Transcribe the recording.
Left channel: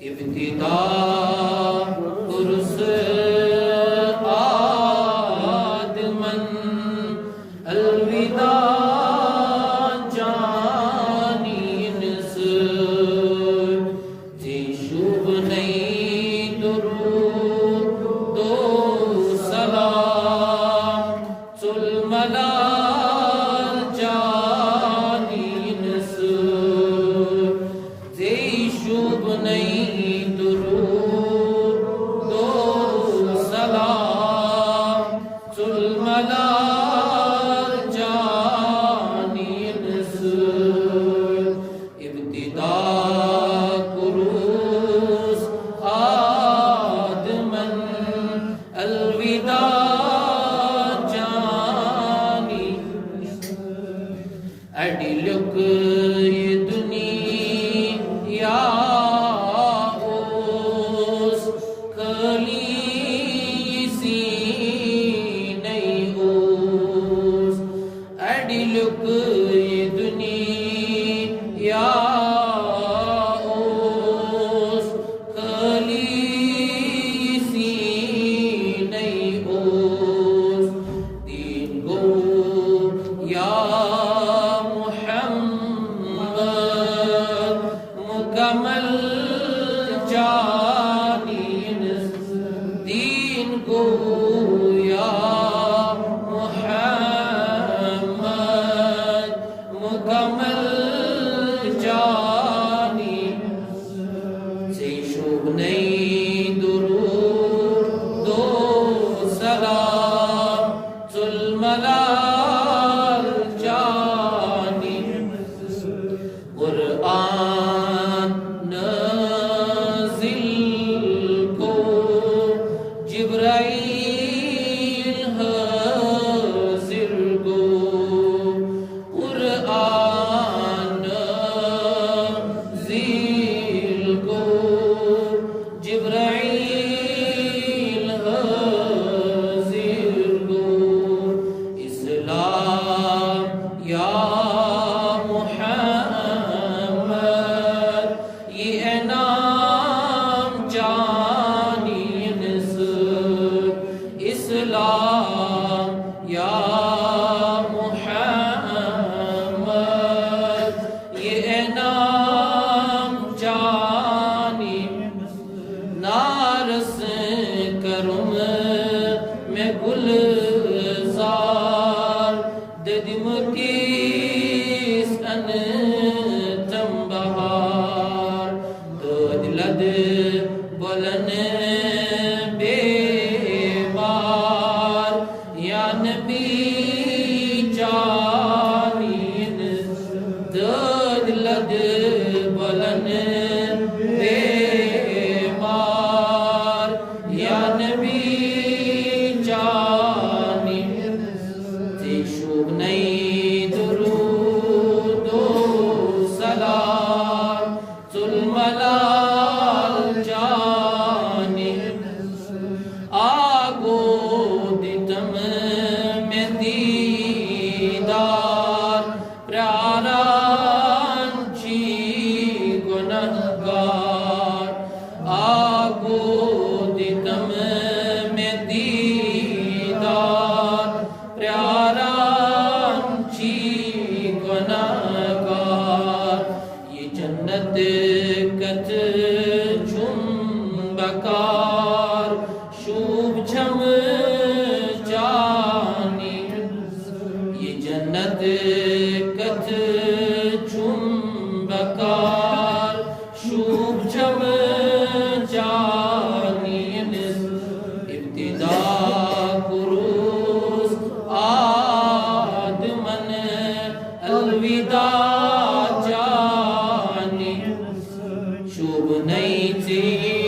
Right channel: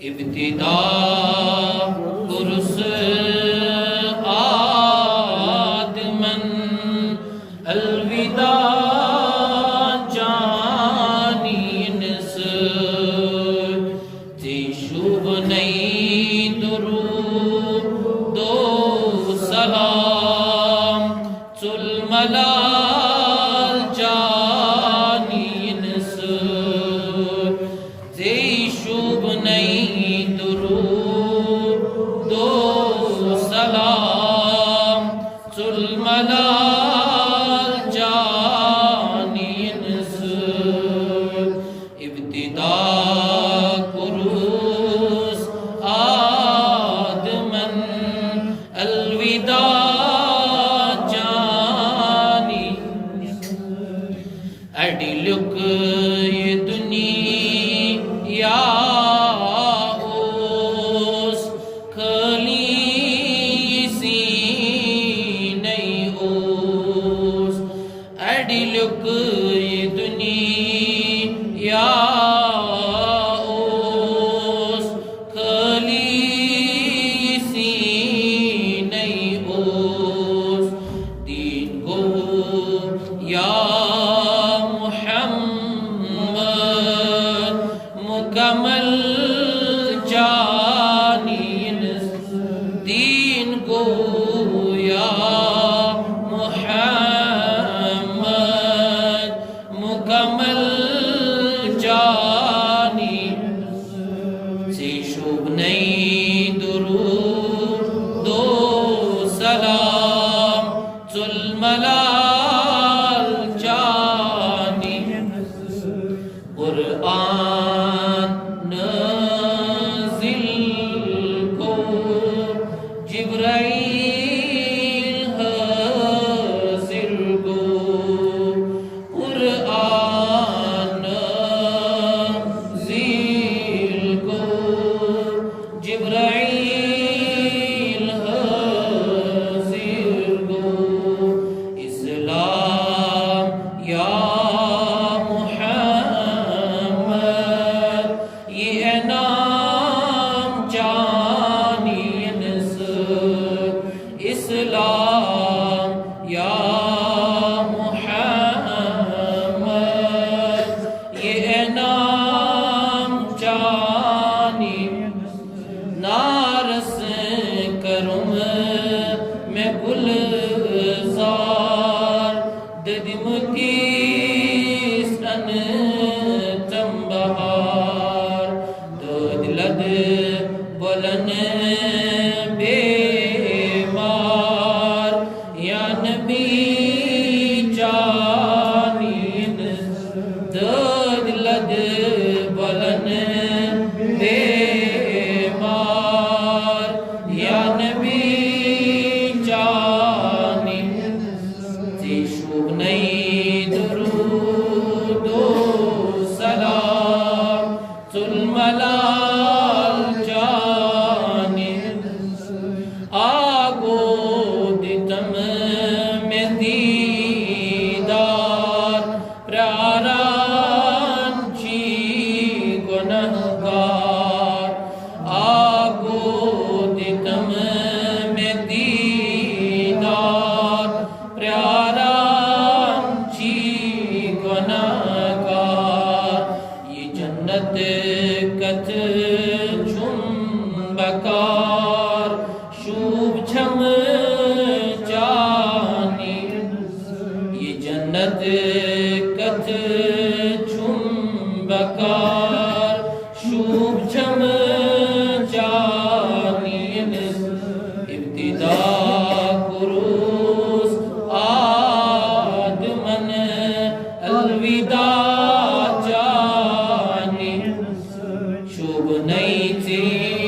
ابتدا قرص آدمن الوداع جانینس زی شوب نئی درود و سلام ظلملال جانینس زی شوب نئی درود و سلام ظلملال جانینس ابتدا قروس آدمن الوداع جانی اڈلک یہ دنیا اوس خلیسی نئی اوس اڈلک یہ دنیا اوس خلیسی نئی اوس دین گو یا محمد مکمل جانینس دین گو یا محمد مکمل جانینس سے شوب نئی درود و سلام ظلملال جانینس قرآن نازل کو جبرائیل حاضر کو قرآن نازل کو جبرائیل حاضر کو اسلام یا محمد یہ انعام جانینس اسلام یا محمد یہ انعام جانینس نارس کرم میں گلزار ددم کیس ان تنبہار دود لد بلن بیمار یا نبی جانینس دود لد بلن بیمار یا نبی جانینس زی شوب نئی درود و سلام ظلملال جانینس آگو دتم میں دیدار پیاران چی گنہگار آگو دتم میں دیدار پیاران چی گنہگار یہ جنت کت جھم بکار شوب جھم جانینس یہ جنت کت جھم بکار شوب جھم جانینس ابتدا قروس آدمن الوداع جانینس شوب نئی تھی